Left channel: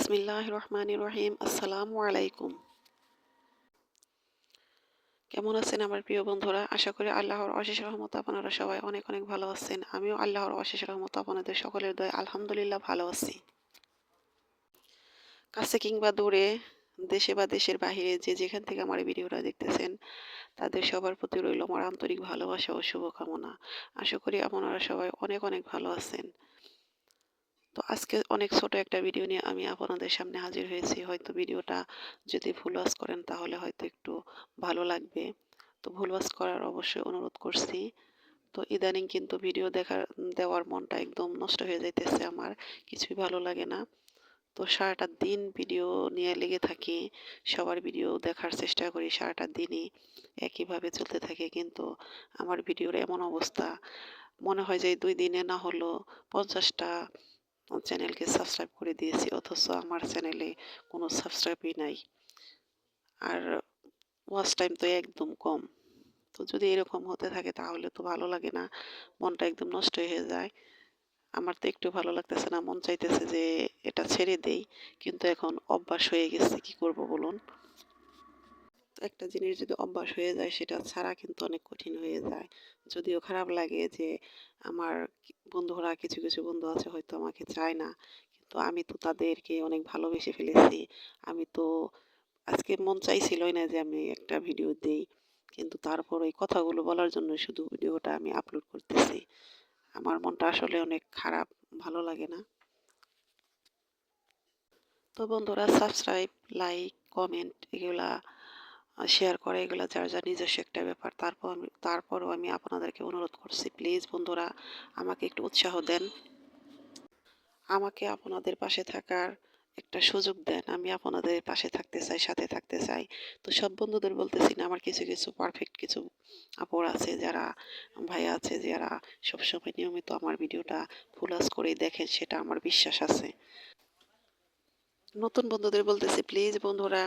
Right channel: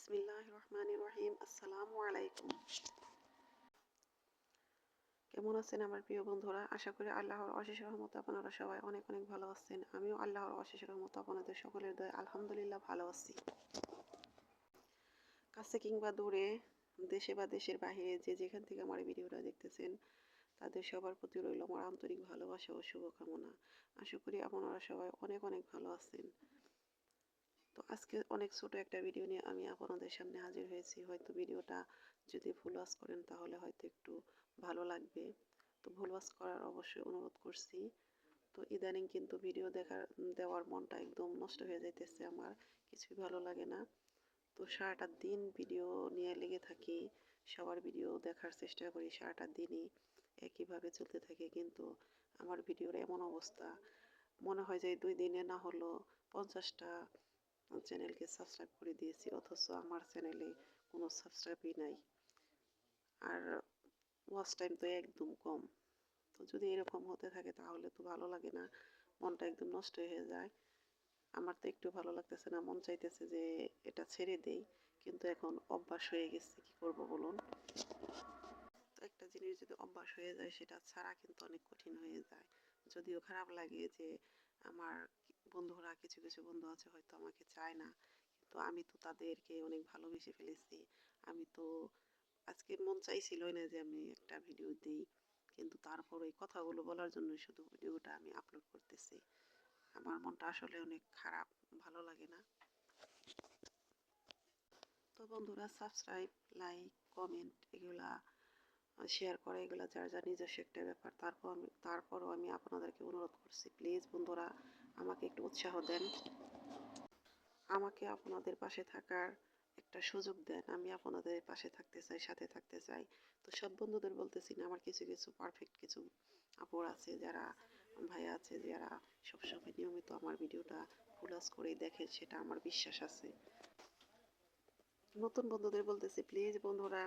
বিসমিল্লাহির রহমানির রহিম। আসসালামু আলাইকুম। কেমন আছেন আমার প্রিয় বন্ধুরা? আশা করি আল্লাহর অশেষ রহমতে আপনারা সবাই অনেক অনেক ভালো আছেন। আমিও আল্লাহর অশেষ রহমতে আপনাদের সকলের দয়ায় আলহামদুলিল্লাহ ভালো আছি। কাছে কিংবা দূরে, দেশে বা দেশের বাহিরে যে যেখান থেকে আমার এই ভিডিওটা দেখতেছেন, তাদের সবার প্রতি রইল আমার আন্তরিক ভালোবাসা ও শুভকামনা। আশা করি আপনারা সবাই অনেক অনেক ভালো আছেন। তো আজকে অনেক ছোট একটা ভিডিও নিয়ে আমি আপনাদের সামনে হাজির হয়েছি। হয়তো ভিডিওটা যদি ভুল ওয়াচ করেন তাহলে হয়তো একটু ভালো লাগবে। তো ভুল ওয়াচ করার অবশ্যই অনুরোধ করছি। তো ইদানিং কিন্তু ভিডিও দেওয়ার মনটা একদম নষ্ট হয়ে যাইতেছে আমার। কিছুই ভালো লাগে না। তো সারাটা দিন ভিডিও নিয়ে লেগে থাকি। সবার ভিডিও দেখার চেষ্টা করি সারাটা দিনই একইভাবে চলতে থাকে। কিন্তু আমার ভিডিওর এমন অবস্থা, মনে হয় যে এই ২ দিনে না হলেও ৫০টা চ্যানেলকে সাবস্ক্রাইব করে দিয়েছি, অথচ আমার চ্যানেলে কোনো সাবস্ক্রাইবই নাই। আর ওয়াচ টাইম তো একদম কম। তো যদি এরকম হতে থাকে তাহলে তো ভালো লাগে না, মনটা একদম নষ্ট হয়ে যায়। আমার তো একটু ভালো লাগতেছে না, মন চাইতেছে যে এটা ছেড়ে দেই, কিন্তু এখন অভ্যাস হয়ে গেছে, কি করব বলুন। একটা জিনিস যদি অভ্যাস হয়ে যায় সেটা ছাড়া কিন্তু অনেক কঠিন হয়ে যায়। যদিও খারাপ লাগে যে আমার বন্ধুরা, কিছু কিছু বন্ধু আছে হয়তো আমাকে চায় না, কিন্তু আমি তো তাদেরকে অনেক ভালোবেসে ফেলেছি। আমি তো আজকে মন চাইছিলই না যে আমি একটা ভিডিও দেই, কিন্তু তারপর ওই কথাগুলো বলার জন্য শুধু ভিডিওটা আমি আপলোড করতেছি। আমার মনটা আসলে অনেক খারাপ, ভালো লাগে না। তো বন্ধুরা, সাবস্ক্রাইব, লাইক, কমেন্ট এগুলা শেয়ার করা, এগুলা যার যার নিজস্ব একটা ব্যাপার। তারপরও আমি আপনাদেরকে অনুরোধ করছি, প্লিজ বন্ধুরা আমাকে একটু উৎসাহ দেন, আমাকে আপনাদের পাশে থাকার একটা সুযোগ দেন। আমি আপনাদের পাশে থাকতে চাই, সাথে থাকতে চাই। তো সব বন্ধুদের বলতেছি না, আমার কিছু কিছু পারফেক্ট কিছু আপর আছে, যারা ভাইয়া আছে, যারা সবসময় নিয়মিত আমার ভিডিওটা ফুল ওয়াচ করেই দেখেন, সেটা আমার বিশ্বাস আছে। নতুন বন্ধুদের বলতেছি, প্লিজ বন্ধুরা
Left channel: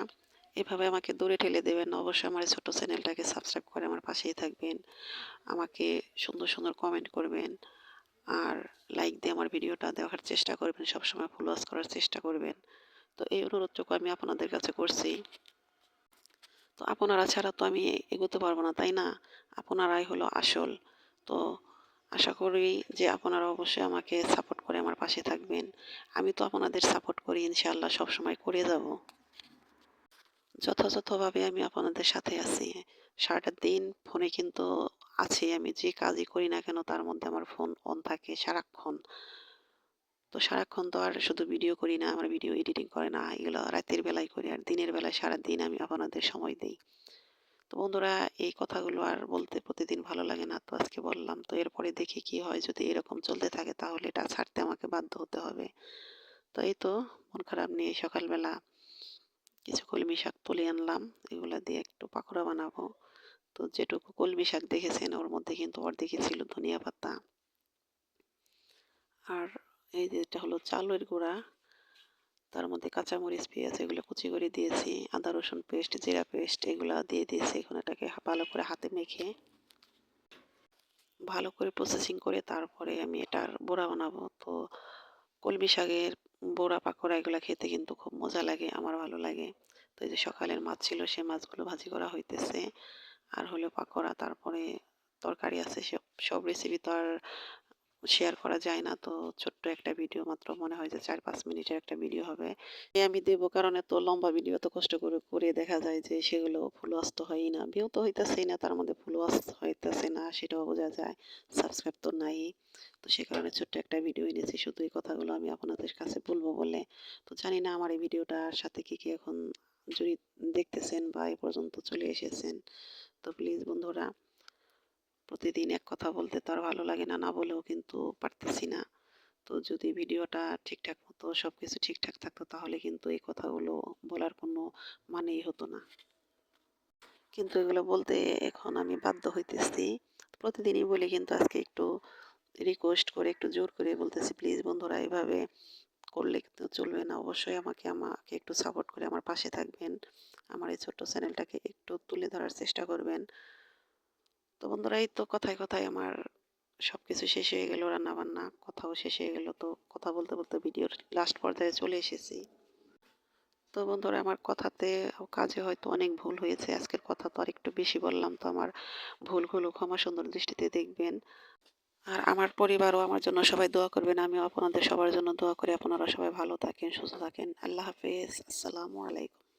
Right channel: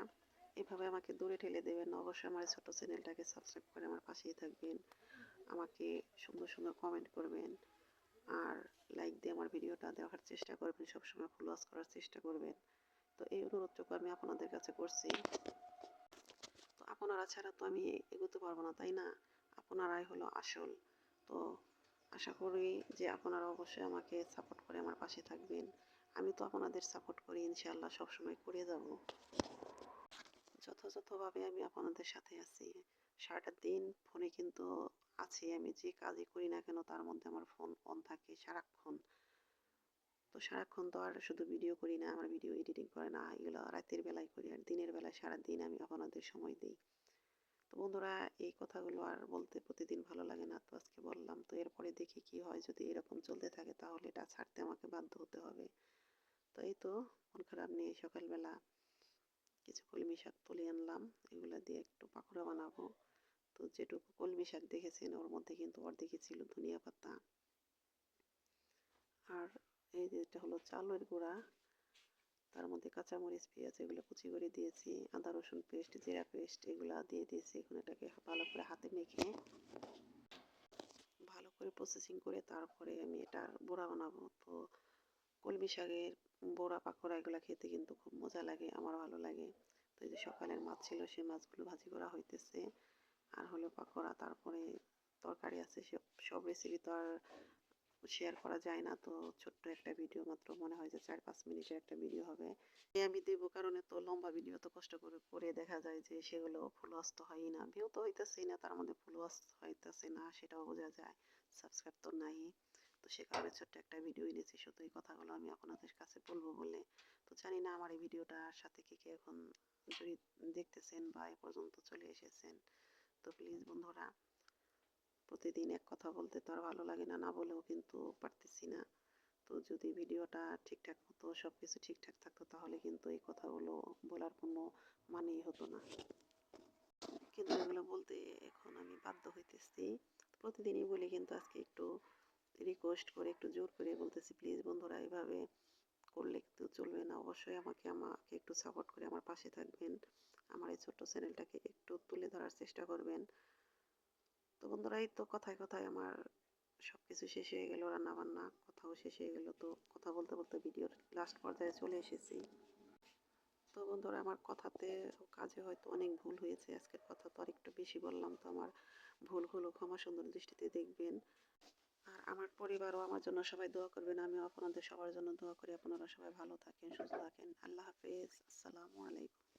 এভাবে আমাকে দূরে ঠেলে দেবেন না। অবশ্যই আমার এই ছোট্ট চ্যানেলটাকে সাবস্ক্রাইব করে আমার পাশেই থাকবেন। আমাকে সুন্দর সুন্দর কমেন্ট করবেন, আর লাইক দিয়ে আমার ভিডিওটা দেখার চেষ্টা করবেন, সবসময় ফলো করার চেষ্টা করবেন। তো এই অনুরোধটুকু আমি আপনাদের কাছে করছি। তো আপনারা ছাড়া তো আমি এগোতে পারবো না, তাই না? আপনারাই হলো আসল। তো আশা করি যে আপনারা অবশ্যই আমাকে সাপোর্ট করে আমার পাশে থাকবেন। আমি তো আপনাদের সাপোর্ট করি, ইনশাআল্লাহ সবসময় করে যাব। যথাযথভাবে আমি আপনাদের সাথে আছি। সারাটা দিন ফোনে কিন্তু আছি আমি, যে কাজই করি না কেন তার মধ্যে আমার ফোন অন থাকে সারাক্ষণ। তো সারাক্ষণ তো আর শুধু ভিডিও করি না, আমার ভিডিও এডিটিং করে না, এগুলো রাতের বেলায় করি, আর দিনের বেলায় সারাদিন আমি আপনাদের সময় দেই। তো বন্ধুরা, এই কথাগুলো আর বলতে প্রতিদিন ভালো লাগে না, তো আজকে বললাম। তো এরপরে দেখি কি হয়, যদি এরকম চলতে থাকে তাহলে এটা ছাড়তে আমাকে বাধ্য হতে হবে। তো এই তো মন খারাপ নিয়ে সকালবেলা কিছু কলমি শাক তুলে আনলাম, এগুলা দিয়ে একটু পাকোড়া বানাবো। তো যেটুকু কলমি শাক দেখেছেন ওর মধ্যে কিন্তু অর্ধেকই ছিল ধনিয়া পাতা। আর এই যে এটা হলো চালের গুঁড়া, তার মধ্যে কাঁচামরিচ, পেঁয়াজ এগুলো কুচি করে দিয়েছি, আদা রসুন পেস্ট, জিরা পেস্ট এগুলো দিয়ে দিয়েছি। এখন এটাকে ভালো করে হাতে মেখে ভালো করে প্রসেসিং করে তারপরে আমি এটার বড়া বানাবো। তো কলমি শাকের বড়া, পাকোড়া এগুলো খেতে কিন্তু খুব মজা লাগে, আমার ভালো লাগে। তো এই যে সকালের মাছ ছিল, সে মাছগুলো ভাজি করা হইতেছে। আর হলো পাকোড়া, তারপরে তরকারি আছে। সব সব রেসিপি তো আর শেয়ার করা যায় না। তো ছোট্ট একটা ভিডিও, মাত্র মনে হয় যে ৪-৫ মিনিটের একটা ভিডিও হবে, আমি দেবো। কারণ এত লম্বা ভিডিও তো কষ্ট করে করে দেখা যায় যে সেগুলো ফুল ওয়াচ তো হয়ই না, ভিউ তো হইতেছেই না, তার মধ্যে ফুল ওয়াচ হইতেছে না, সেটাও বোঝা যায়। সাবস্ক্রাইব তো নাই। তো সে কারণে ছোট্ট একটা ভিডিও এনেছি, শুধু এই কথাগুলো আমি আপনাদের কাছে বলবো বলে। তো জানি না আমার এই ভিডিওটার সাথে কি কি এখন যদি দেখতেছেন বা এ পর্যন্ত চলে এসেছেন। তো প্লিজ বন্ধুরা, প্রতিদিন এক কথা বলতে তো আর ভালো লাগে না, না বলেও কিন্তু পারতেছি না। তো যদি ভিডিওটা ঠিকঠাক মতো সব কিছু ঠিকঠাক থাকতো তাহলে কিন্তু এই কথাগুলো বলার কোনো মানেই হতো না। কিন্তু এগুলো বলতে এখন আমি বাধ্য হইতেছি। প্রতিদিনই বলি, কিন্তু আজকে একটু রিকোয়েস্ট করে, একটু জোর করে বলতেছি, প্লিজ বন্ধুরা এভাবে করলে কিন্তু চলবে না। অবশ্যই আমাকে আমাকে একটু সাপোর্ট করে আমার পাশে থাকবেন। আমার এই ছোট্ট চ্যানেলটাকে একটু তুলে ধরার চেষ্টা করবেন। তো বন্ধুরা, এই তো কথায় কথায় আমার সবকিছু শেষ হয়ে গেল, রান্না বান্না কথাও শেষ হয়ে গেল। তো কথা বলতে বলতে ভিডিওর লাস্ট পর্যায়ে চলে এসেছি। তো বন্ধুরা আমার কথাতে ও কাজে হয়তো অনেক ভুল হয়েছে। আজকের কথা তো আরেকটু বেশি বললাম। তো আমার ভুলগুলো ক্ষমা সুন্দর দৃষ্টিতে দেখবেন। আর আমার পরিবারও আমার জন্য সবাই দোয়া করবেন। আমিও আপনাদের সবার জন্য দোয়া করি। আপনারা সবাই ভালো থাকেন, সুস্থ থাকেন। আল্লাহ হাফেজ। আসসালামু আলাইকুম।